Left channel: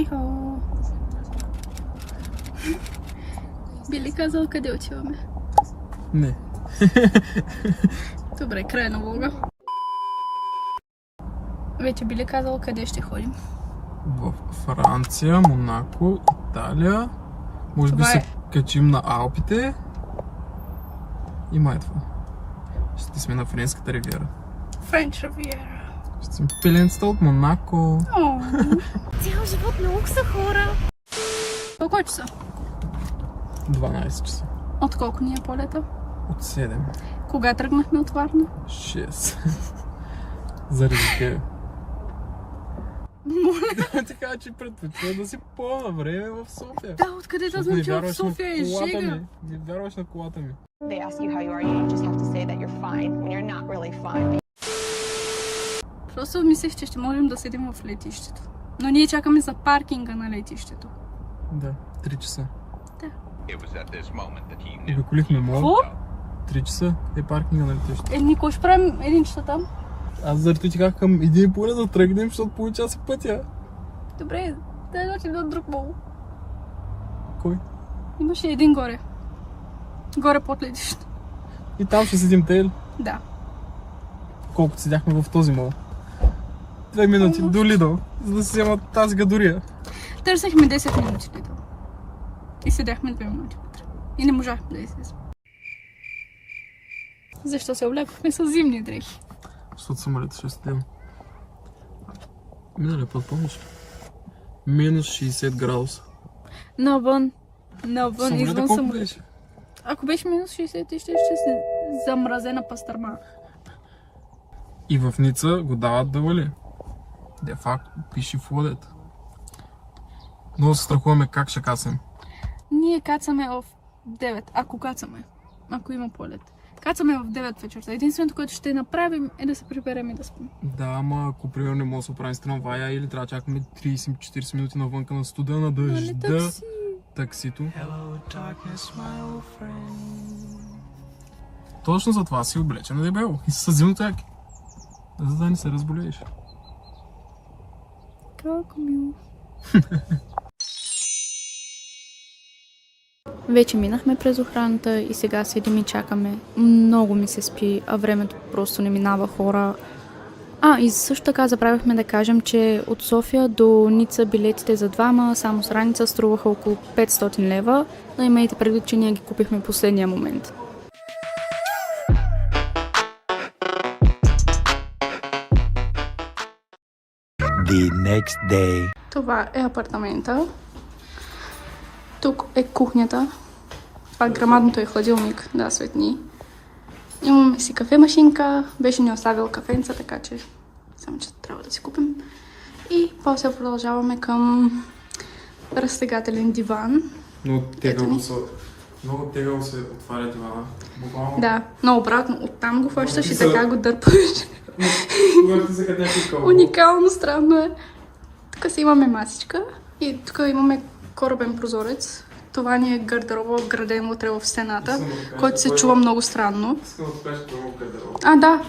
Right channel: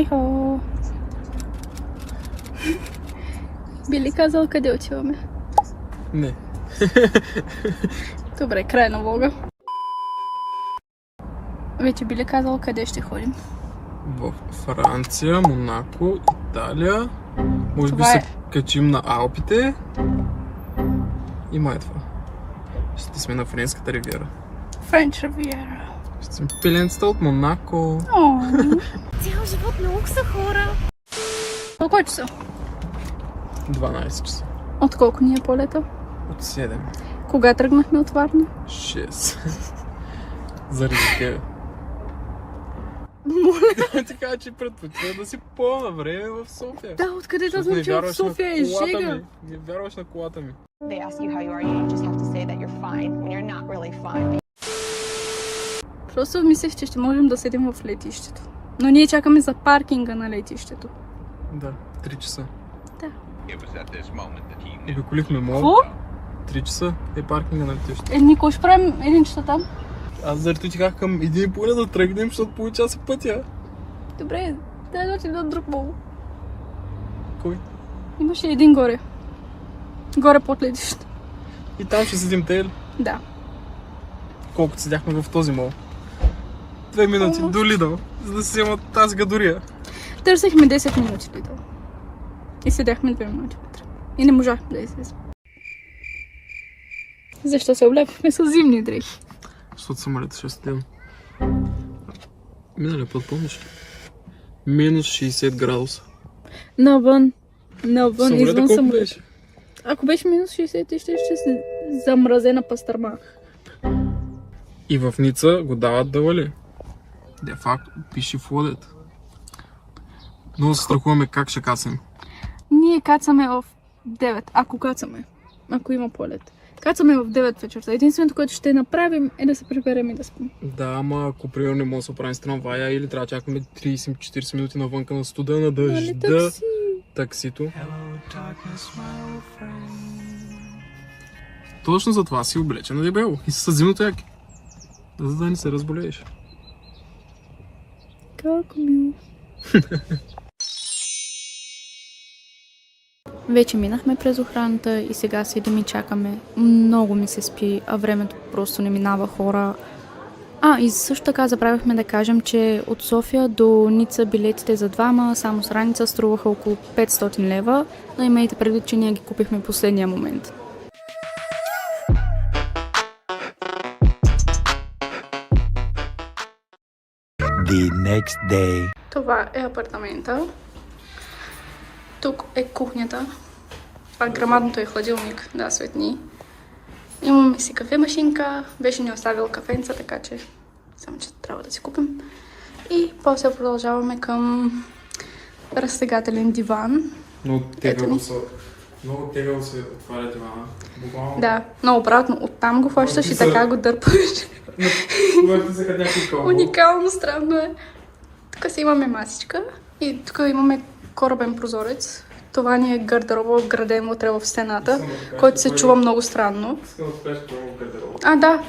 Ехо! Би ли казал къде отиваме? Не. Добре, край на влога. Вече би ли казал къде ще ходим? В Франция, Монако, Италия. Може би Това се качим на Алпите. И май това. Ще сме на Френската ривиера. Френч Ривиера. Ще сме пеленцата от Монако. Цял живот много са хора. Колко е часа? 12 часа. От колко ни е полета? От 7. Кога тръгнахме от Варна? 6. Заради тебе. Моля. Така че предпочитам да си по-на време в София. Да, откъде да Защото знам, не че в вярваш на София е колата жега. ми. Не вярваш на колата ми. They ask you how you are, you just have to say that you're fine when you're not really fine. Просто мислех, че ще можем да седим в летището. Но ние чакаме за паркинга на летището. Да, 3 часа. Да. Обиколихме мола. Какво? 3 часа е паркинга на летището. Ние кой ще правим 1 часа там? Аз заради ти казах към 1,5 да тръгнем, защото получаса пътя. Добре, дай да отидем на друг мол. Кой? Имаше един горе. Горе под летището. И там ще седим те ли? Да. Колкото седяхме в този мол. 2 минути до Лидъл, за да си вземат тази гадория. Търсехме 10 минути Лидъл. И седяхме 2 минути вътре. И не можахме да излезем. Защо се облекохме с зимни дрехи? Защото самолета ще седем. Минали път, помниш ли? Минус 60 градуса. Навън, Самолета извън колко самолет. беше? Ако беше минус 60, ти ще се замразена пастърма. И в Ница го дават да вали. Де факт пише в лодета. Много се страхуваме как ще кацнем. Ние кацаме в 9, ако кацаме. Ако има полет. Кацаме в 9 вечерта. Единственото, което ще направим е да се приберем и да спим. Да, ама ако примерно не може да се оправим с трамвая или трябва да чакаме 30-40 минути навънка на студа, на Нали дъжда, такси? таксито. Точно за това си облечен на дебело и с зимното яки. За да не се разболееш. Колко мило. Вече минахме през охраната и сега седим и чакаме. Много ми се спи, а времето просто не минава, хора. И също така забравяхме да кажем, че от София до Ница билетите за двама само с раница струваха около 500 лева, но имайте предвид, че ние ги купихме последния момент. The next day. Това е апартамента. Тук е кухнята. Това грамадното е хладилник, да, светни. Имаме си кафемашинка. Беше ни оставил кафенца, така че само че трябва да си купим. И после продължаваме към разтегателен диван. Много тегаво се отваря дивана. Буквално. Да, но обратно оттам го хващаш и така го дърпаш. Уникално, странно е. Тук си имаме масичка и тук имаме корабен прозорец. Това ни е гардероба, вграден вътре в стената, който се чува много странно. Да.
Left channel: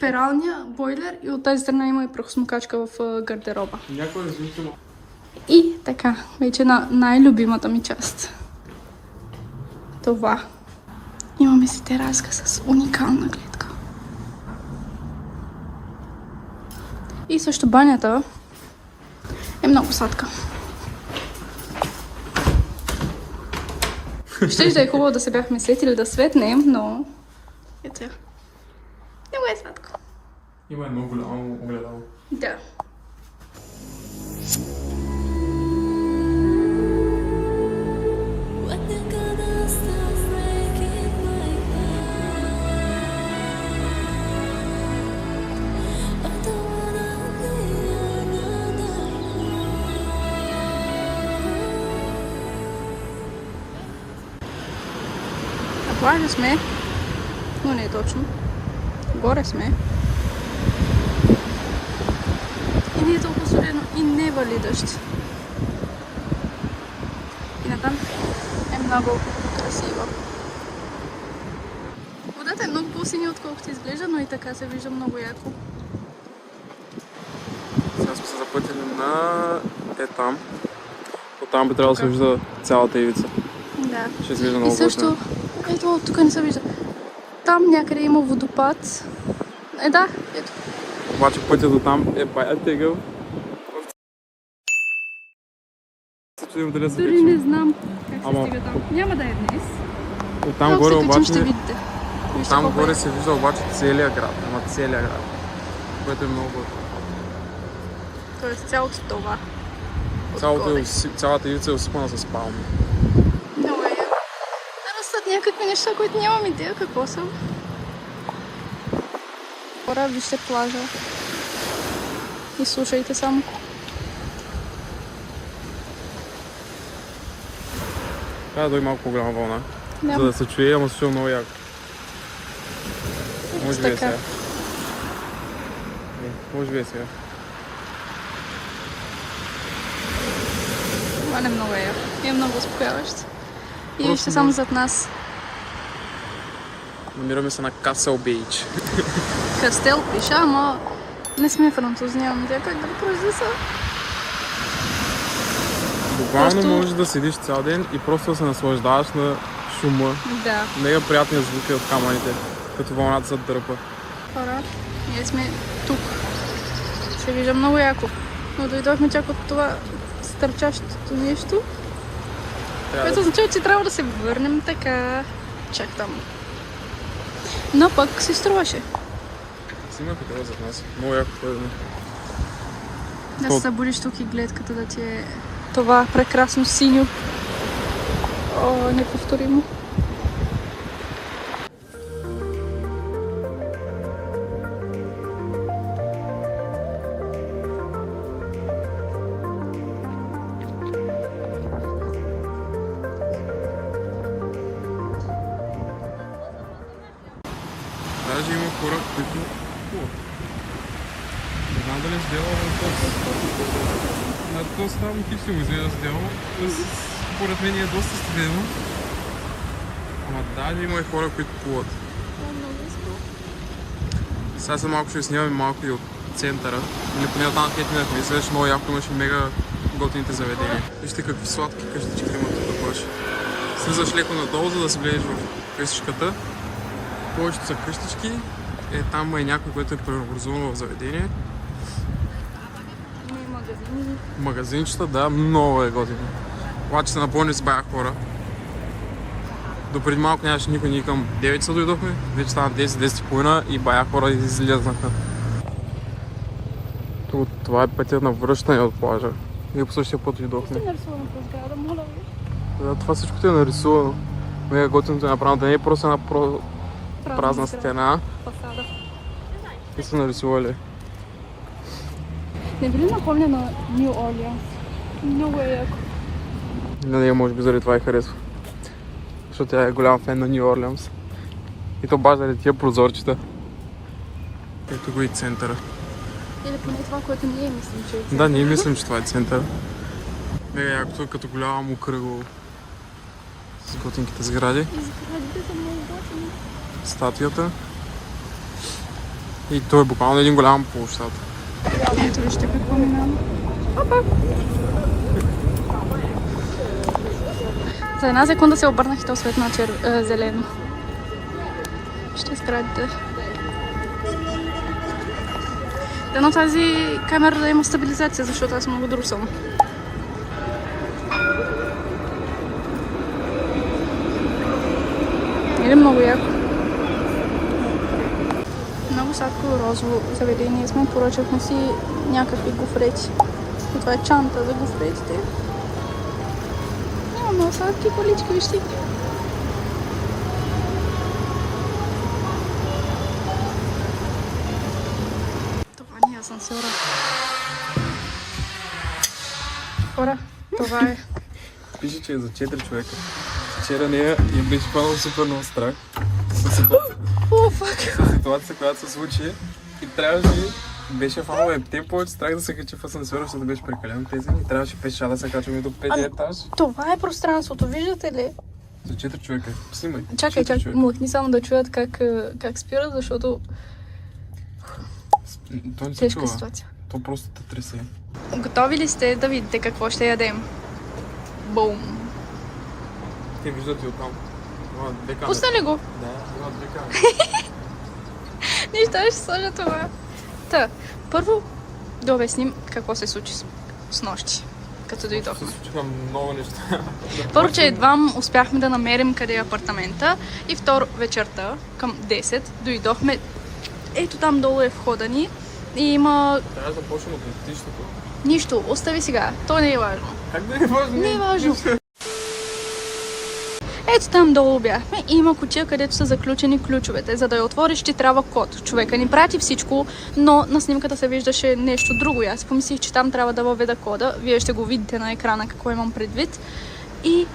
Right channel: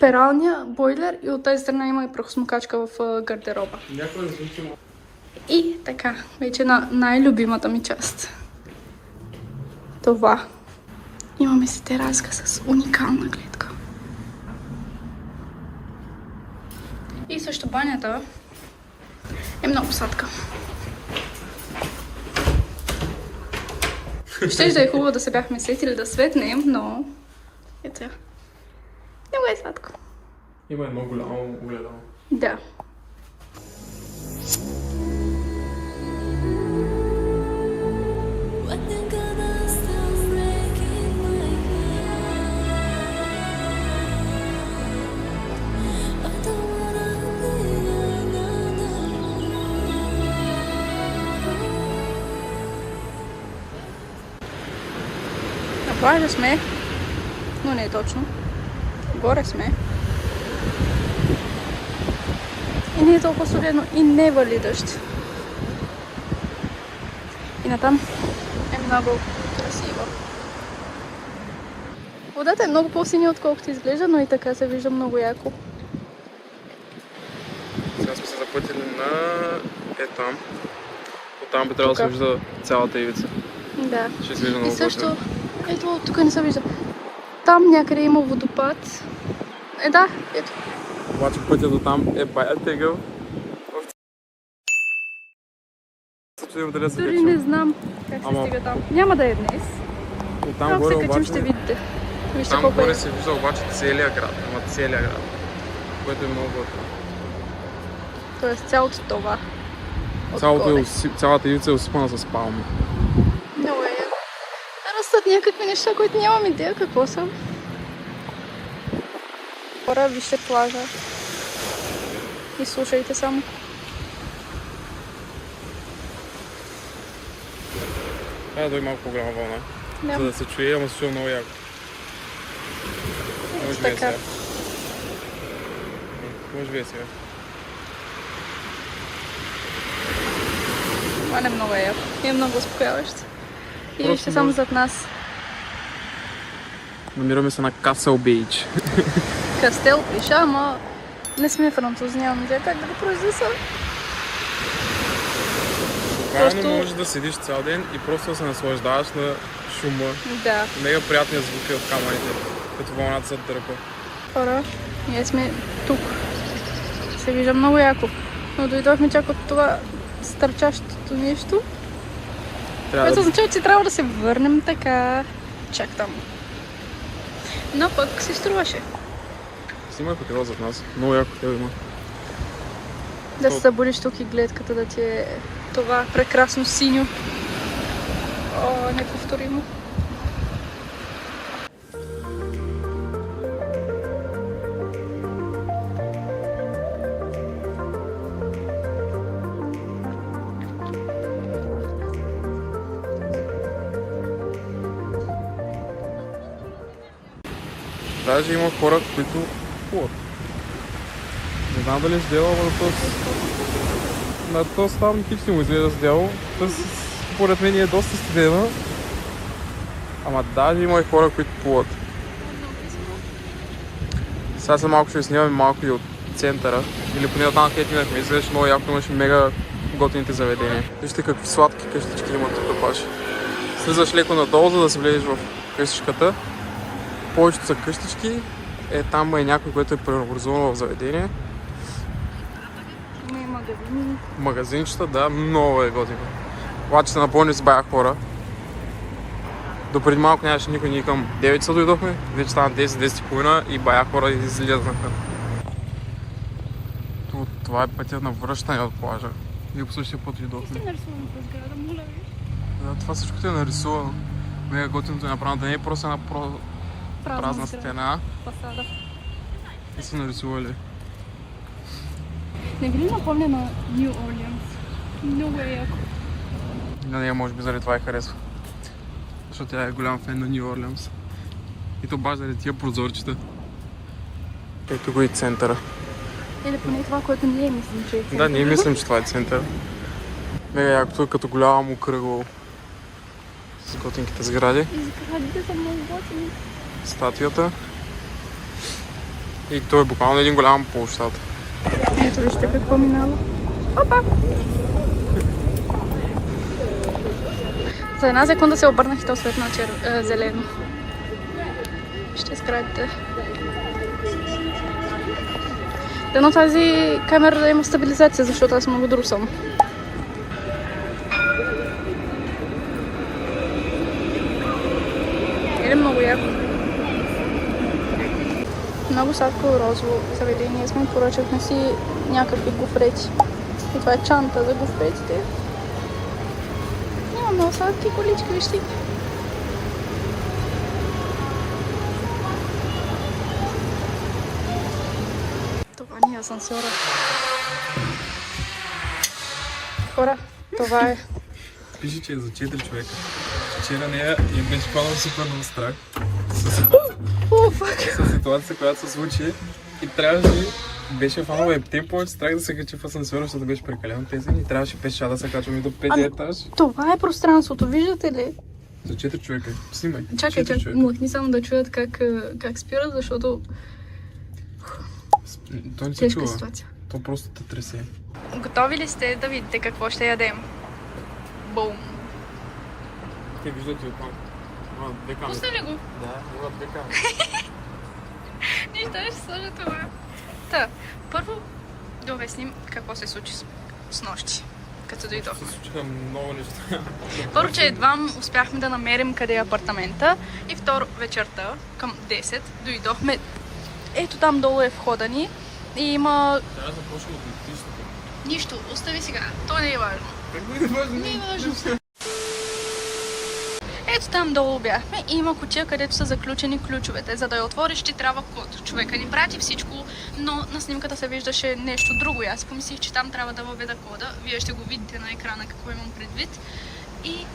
Пералня, бойлер и от тази страна има и прахосмокачка в гардероба. И така, вече на най-любимата ми част. Това. Имаме си тераска с уникална гледка. И също банята е много сладка. Щеше да е хубаво да се бяхме сетили да светнем, но ето. Много е сладко. Има едно голямо огледало. Да. На плажа сме, но не е точно. Горе сме. И не е толкова студено и не вали дъжд. И натам е много красиво. Водата е много по-синя, отколкото изглежда, но и така се вижда много яко. Сега сме се запътили на там. Оттам би трябвало да се вижда цялата ивица. Да. Ще изглежда много И също, ето, тук не се вижда. Там някъде има водопад. Да, ето. Обаче пътя до там е бая тегъл. Дали се Дори не знам как се Ама- стига там. Няма да е днес. И там Ако горе се качим, обаче... ще видите. Вижте Там колко горе е. се вижда обаче целият град. Ама целият град. Което е много готино. Тоест цялото това. Отгоре. Цялата ивица е усипана с палми. Много е. Растат някакви неща, които нямам идея какво са. Хора, вижте плажа. И слушайте само. Трябва да има малко по-голяма вълна. Да. За да се чуе, ама се чува много яко. Може би е Така. сега. Може би е сега. Това не е много яко. И много успокояващо. И Просто вижте само зад нас. Намираме се на Касъл Бейч. Кастел пиша, ама не сме французи, нямам идея как да го произнеса. Тогава не Просто- можеш да седиш цял ден и просто да се наслаждаваш на шума. Да, Мега приятни звуки от камъните, като вълната се дърпа. хора, ние сме тук. Се вижда много яко. Но дойдохме чак от това стърчащото нещо, Трябва което да... означава, че трябва да се върнем така чак там. Но пък си струваше Снимай хотела зад нас. Много яко това има. да се събудиш тук и гледката да ти е това прекрасно синьо. О, неповторимо. Даже има хора, които плуват. Не знам дали сделал на този там хич не му изглежда сделал. Според мен е доста студено. Ама даже има и хора, които плуват. Сега след малко ще снимаме малко и от центъра. Или поне от там, където имахме. Изглеждаше много яко, имаше мега готините заведения. Вижте какви сладки къщички има тук баш. Слизаш леко надолу, за да се влезеш в къщичката. Повечето са къщички. Там е някой, който е преобразувано в заведение. Магазинчета, да, много е готино. Обаче се напълни с бая хора. Допреди малко нямаше никой, ние към 9 са дойдохме. Вече стана 10-10:30 и бая хора излезнаха. Това е пътя на връщане от плажа. Ние по същия път дойдохме. Нарисувано по сграда, моля ви. Да, това всичко е нарисувано. Мега готиното е направено. Да не е просто една празна стена. Фасада. И са нарисували. Не ви ли напомня на Нью Орлеанс? Много е яко. На нея може би заради това и харесва. Защото тя е голям фен на Нью Орлеанс. И то баш заради тия прозорчета. Ето го и центъра. Или поне това, което ние мислим, че е. Да, ние мислим, че това е център. Мега якото е като голямо кръгло с готинките сгради. Статуята. И то е буквално един голям площад. Ето вижте какво минава. Опа! За една секунда се обърнах и то светна зелено. Ще скрадите. Дано тази камера да има стабилизация, защото аз много друсам. Или много яко. Много сладко розово заведение сме. Поръчахме си някакви гофрети. И това е чанта за гофретите. Няма много сладки колички, вижте. Това ни е асансьора. Хора, това е. Пише, че е за 4 човека. Вчера нея я беше хванал супер много страх. О, фак. С ситуация, която се случи и трябваше, беше фанал тем повече страх да се качи в асансьора, защото беше прекалено тесно и трябваше пеша да се качваме до 5 етаж. Това е пространството, виждате ли? За 4 човека. Снимай. Чакай, 4 чакай. човека. Млъкни само да чуят как спират, защото То не се тежка чува. ситуация. То просто те тресе. Готови ли сте да видите какво ще ядем? Бум! Те виждат и оттам. Има две камери. Пусна ли го? Да, има две камери. Нищо, ще сложа това. Та, първо да обясним какво се случи с нощи, като дойдохме. Се случиха много неща. Първо, че едва успяхме да намерим къде е апартамента и второ, вечерта към 10 дойдохме. Ето там долу е входа ни и има... Трябва да започнем от летището. Нищо, остави сега, то не е важно. Как да е важно? Не е важно. Ето там долу бяхме и има кутия, където са заключени ключовете. За да я отвориш, ти трябва код. Човека ни прати всичко, но на снимката се виждаше нещо друго. И аз помислих, че там трябва да въведа кода. Вие ще го видите на екрана какво имам предвид. И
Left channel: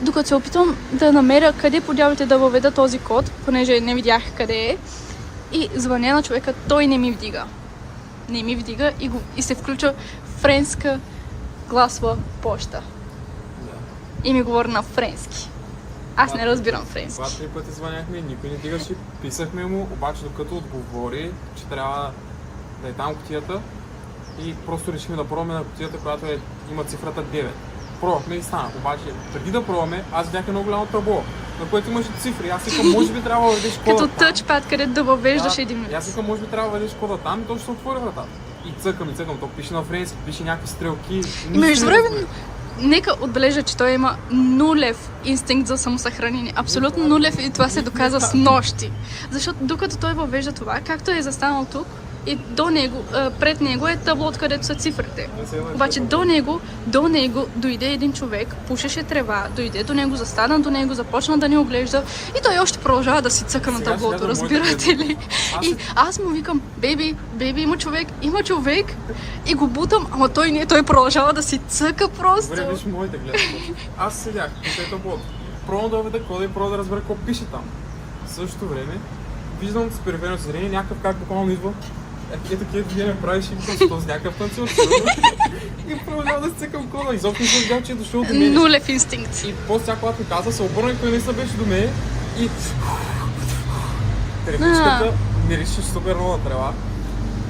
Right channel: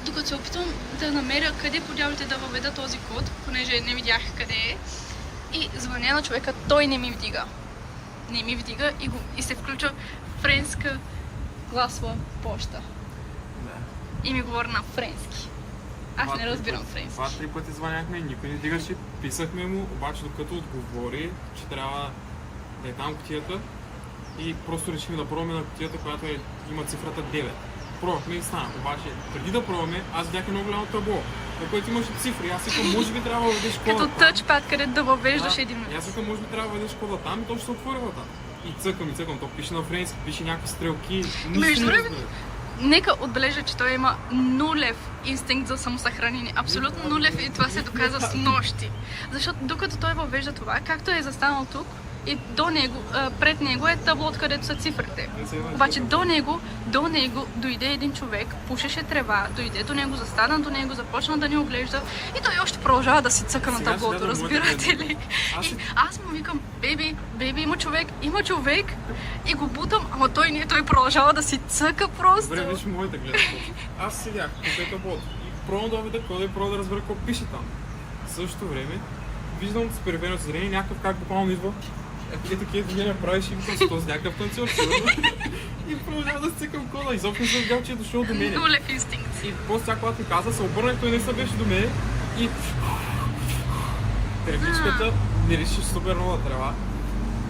докато се опитвам да намеря къде по дяволите да въведа този код, понеже не видях къде е, и звъня на човека, той не ми вдига. Не ми вдига и се включва френска гласова почта. И ми говори на френски. Аз не разбирам френски. 2-3 пъти звъняхме, никой не дигаше, писахме му, обаче докато отговори, че трябва да е там кутията и просто решихме да пробваме на кутията, която има цифрата 9. Пробвахме и стана, обаче преди да пробваме, аз видях едно голямо табло, на което имаше цифри. Аз викам, може би трябва да въведеш кода Като там. тъчпад, където да въвеждаш един И аз викам, може би трябва да въведеш кода там и то ще се отвори вратата. И цъкам, то пише на френски, пише някакви стрелки. Между време, нека отбележа, че той има нулев инстинкт за самосъхранение. Абсолютно нулев и това се доказа с нощи. Защото докато той въвежда това, както е застанал тук, и до него, пред него е табло, където са цифрите. Обаче до него дойде един човек, пушеше трева, дойде до него, застана до него, започна да ни оглежда и той още продължава да си цъка на таблото, разбирате ли? И аз му викам, бейби, има човек и го бутам, ама той не, той продължава да си цъка просто. Добре, виж моите гледки. Аз седях по таблото. Пробвам да въведа кода и пробвам да разбера какво пише там. В същото време виждам с периферно зрение някакъв как буквално идва. Такива движения правиш и викам с този някакъв танцор. И продължавам да цъкам кода. Изобщо не съм видял, че е дошъл до мен. Нулев инстинкт. И после тя, когато ми каза, се обърна и той не се беше до мен. И тревичката ми реши супер много трева.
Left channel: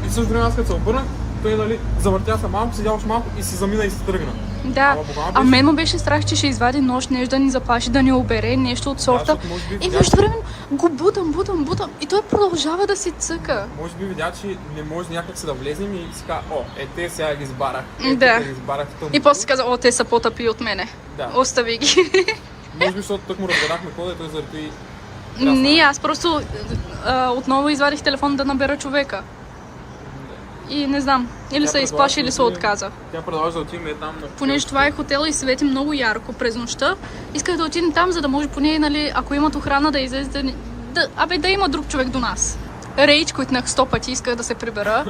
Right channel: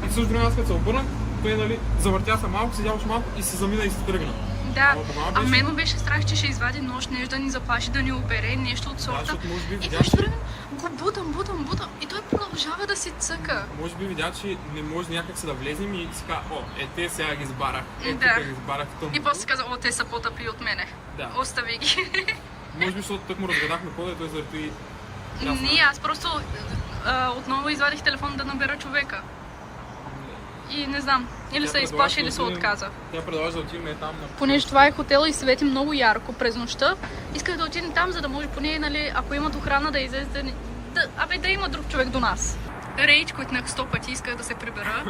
И в същото време аз като се обърнах, той нали, завъртя се малко, седя още малко и се замина и се тръгна. Да, а мен му беше страх, че ще извади нож, нещо да ни заплаши, да ни обере, нещо от сорта. И нещо време го бутам и той продължава да си цъка. Може би видя, че не може някак се да влезем и си каза, те сега ги избарах. Да. Ги избарах в И после си каза, те са по-тъпи от мене. Да. Остави ги. Може би, защото тък му разгадахме кода и той заради... Не, аз просто отново извадих телефон да набера човека. И не знам, или се изплаши, или се отказа. Тя продължа да отидем там. Понеже това е хотел и свети много ярко през нощта, исках да отидем там, за да може поне, нали, ако имат охрана да излезе, да има друг човек до нас. Рейдж, които 100 пъти исках да се прибера.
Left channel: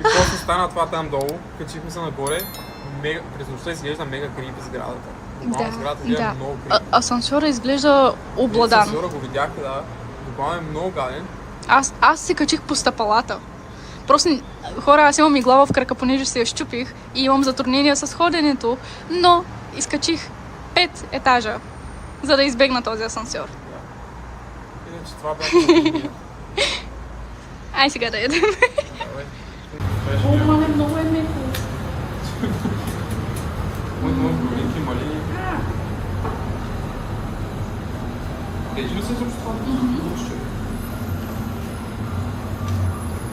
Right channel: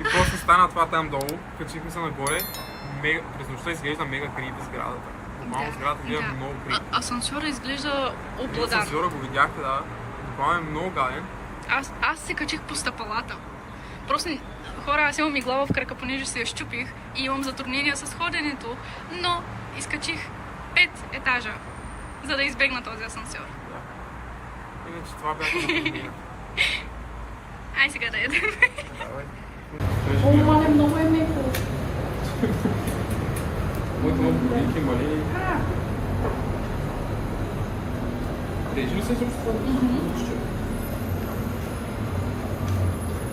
И после стана това там долу, качихме се нагоре, през нощта изглежда мега крипи сградата. Буквално сградата изглежда много крипи. Асансьора изглежда обладан. Асансьора го видяхте, да. Буквално е много гаден. Аз се качих по стъпалата. Просто, хора, аз имам игла в крака, понеже се я щупих и имам затруднения с ходенето, но изкачих 5 етажа, за да избегна този асансьор. Да. Иначе това бяха на Ай сега да ядем. Давай. О, мале, много е меко. Моето много болите, мали. Тежи ли се също това?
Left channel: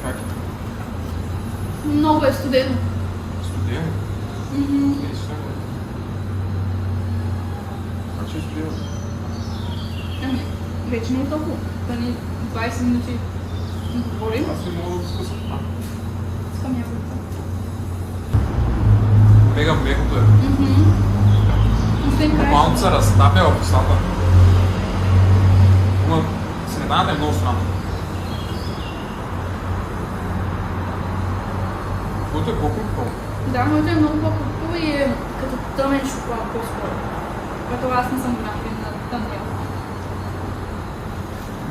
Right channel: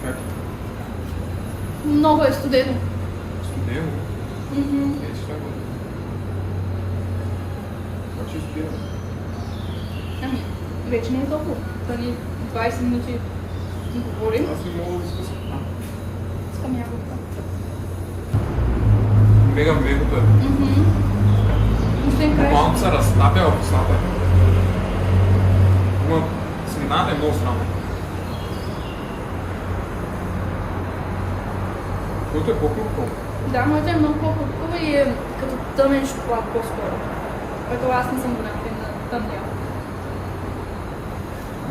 Как? Много е студено. Студено? Това ще изпия. Ами, вече не е толкова. Това ни 20 минути говорим. Аз не мога да го спусна. Искам ябълка. Мега мегото е. Освен край. Малко се разтапя в устата. Но средата е много странна. Което е по-хубаво. Да, моята е много по-хубава и е като тъмен шоколад по-скоро. Което аз не съм го напред на тъм дял.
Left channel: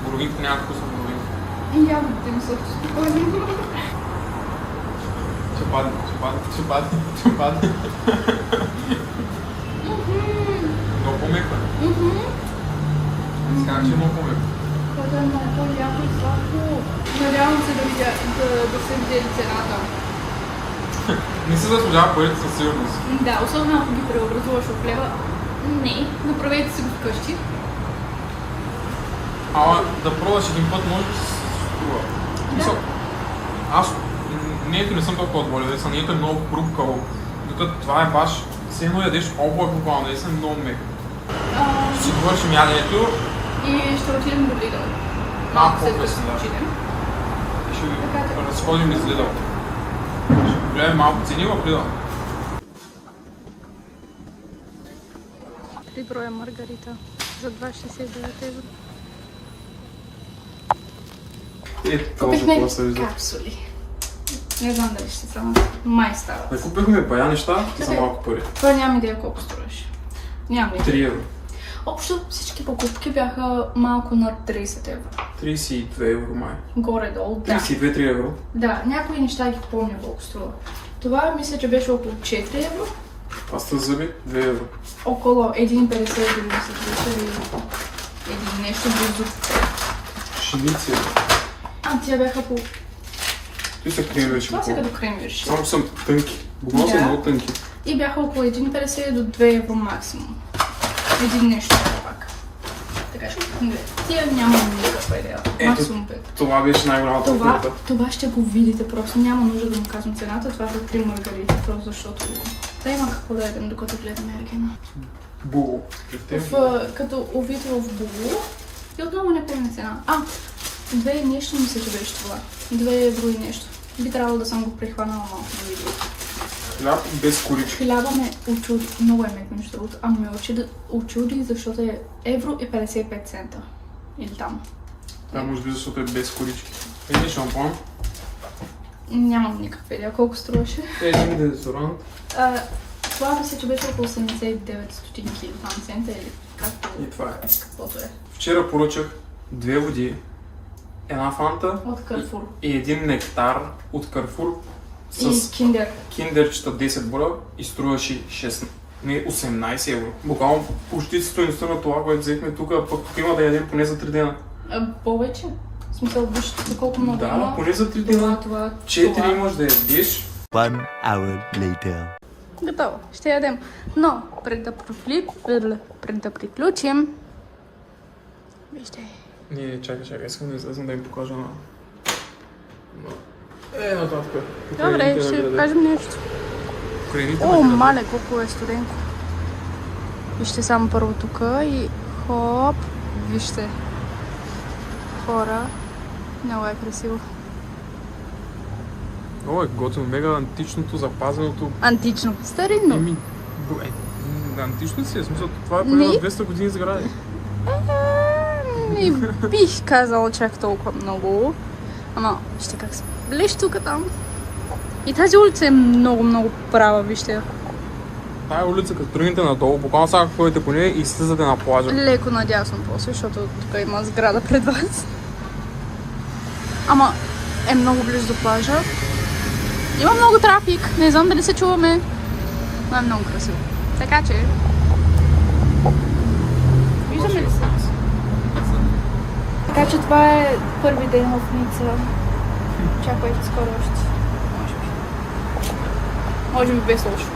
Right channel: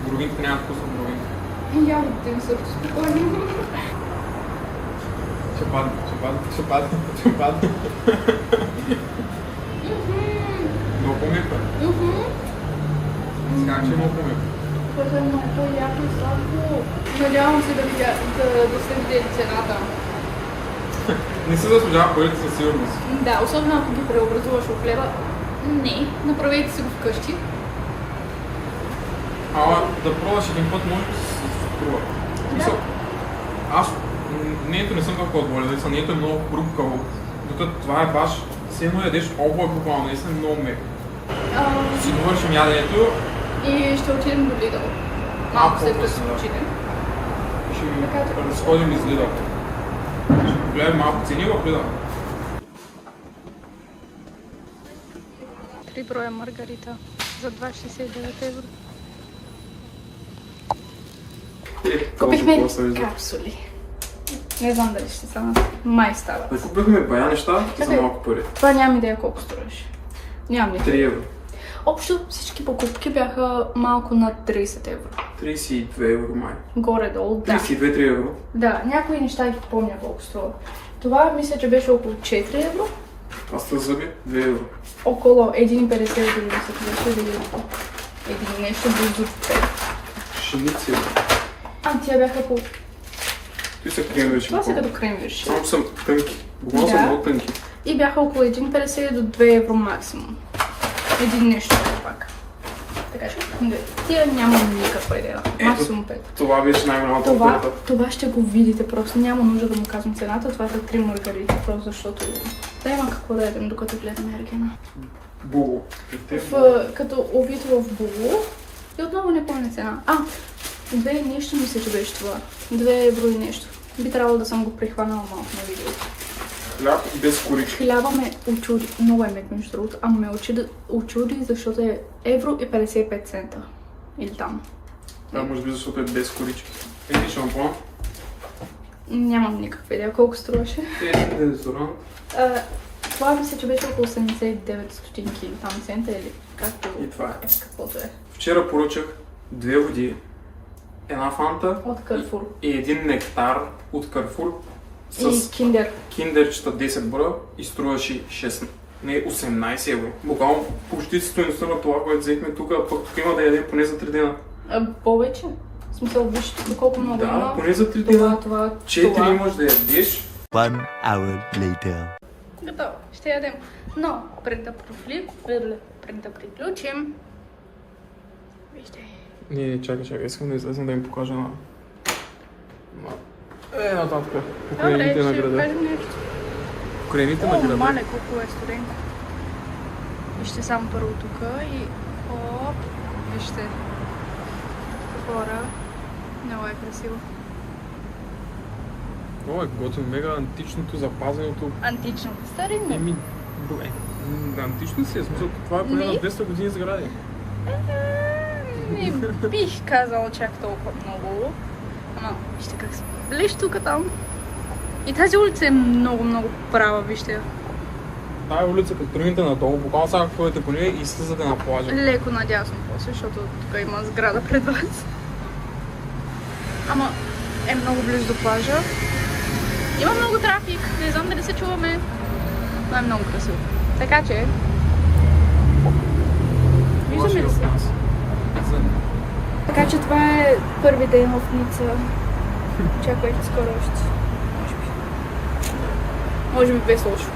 Боровинките няма вкус на боровинки. Ягодите ми също спокойно. Ще падне. Много по-меко е. Скажа, че е много по-меко. Което е много по-яко и сладко. Надявам се да се види цената. Не си заслужава парите със сигурност. Да, особено ако ги преобразуваш в лева. Не, направете си го вкъщи. Да пробваш един път може да се струва. Да. Аз не съм толкова отболен, не е много хрупкаво. Докато това е баш, все едно ядеш облак буквално, не съм много мек. Ще довършим яденето. И ще отидем до Lidl. Малко след като да. отидем. Ще разходим из Lidl. Ще гледаме малко цени в Lidl. 3 броя маргарита за 2,69 евро. Купихме капсули. Не знам дали ще стана. Май става. Да купихме бая неща за малко пари. Това нямам идея колко струваше. Нямам идея. 3 евро. Общо всички покупки бяха малко над 30 евро. 32 евро май. Горе-долу, да. 32-3 евро. Да, някои неща ги помня колко струва. Това мисля, че беше около 4 евро. Паста за зъби 2 евро. Около 1,50 дори мисля, че беше или нещо близо 5. Шиници. Тия бяха по... Какви са кремвички? Това са като кремвиш. Само съм тънки. Буквално са Да. много тънки. И бяха около 1,50 до 2 евро максимум. Един нещо пак. Така че, тия нямам никаква идея. Максимум 5. Това беше най-голямата оферта. Това ще го видите, просто няма нужда да му казвам цената. Това са 3 маргарити, просто защото да има какво да ядем, докато гледаме Ергена. Було. Като увид в було и отново не помня цена. 2 и нещо мисля, че беше това. 2 евро и нещо. Би трябвало да съм го прихванала малко на видео. Хляб без корички. Хляба ме очуди, много е мек между другото, ама ме очуди, защото е евро и 55 цента. Или там. Да, може би защото е без корички. Един шампон. Нямам никаква идея колко струваше. Един дезодорант. Това мисля, че беше около 89 стотинки или там цента или както... И това е. Каквото е. Вчера поръчах 2 води, една фанта От Carrefour. и един нектар от Carrefour И с киндер. киндерчета 10 броя и струваше 18 евро. Буквално почти стойността на това, което взехме тук, пък тук има да ядем поне за 3 дена. Повече? В смисъл, виж колко много Да, има. поне за 3 дена. Това. 4 можеш да ядеш. 1 hour later. Готово, ще ядем. Но, пред да приключим... Вижте. Не, чакай, искам да излезем да ви покажа на... нататък. Добре, ще ви кажем нещо. Корените О, на града. мале, колко е студенко. Вижте само първо тук и хоп. Вижте. Хора. Много е красиво. Много е готино, мега античното, запазеното. Антично. Старинно. Антично си е, смисъл, това е Не. преди на 200 години сгради. И бих казала чак толкова много. Ама, вижте как се блещ тук там. И тази улица е много права, вижте. Тая улица, като тръгнете надолу, буквално сега ходите по нея и слизате на плажа. Леко надясно после, защото тук има сграда пред вас. Ама е много близо до плажа. Има много трафик, не знам дали се чуваме. Но е много красиво. Така че... Виждаме ли се? Така че това е първи ден в Ница. Чакайте скоро още. Може би без лошо.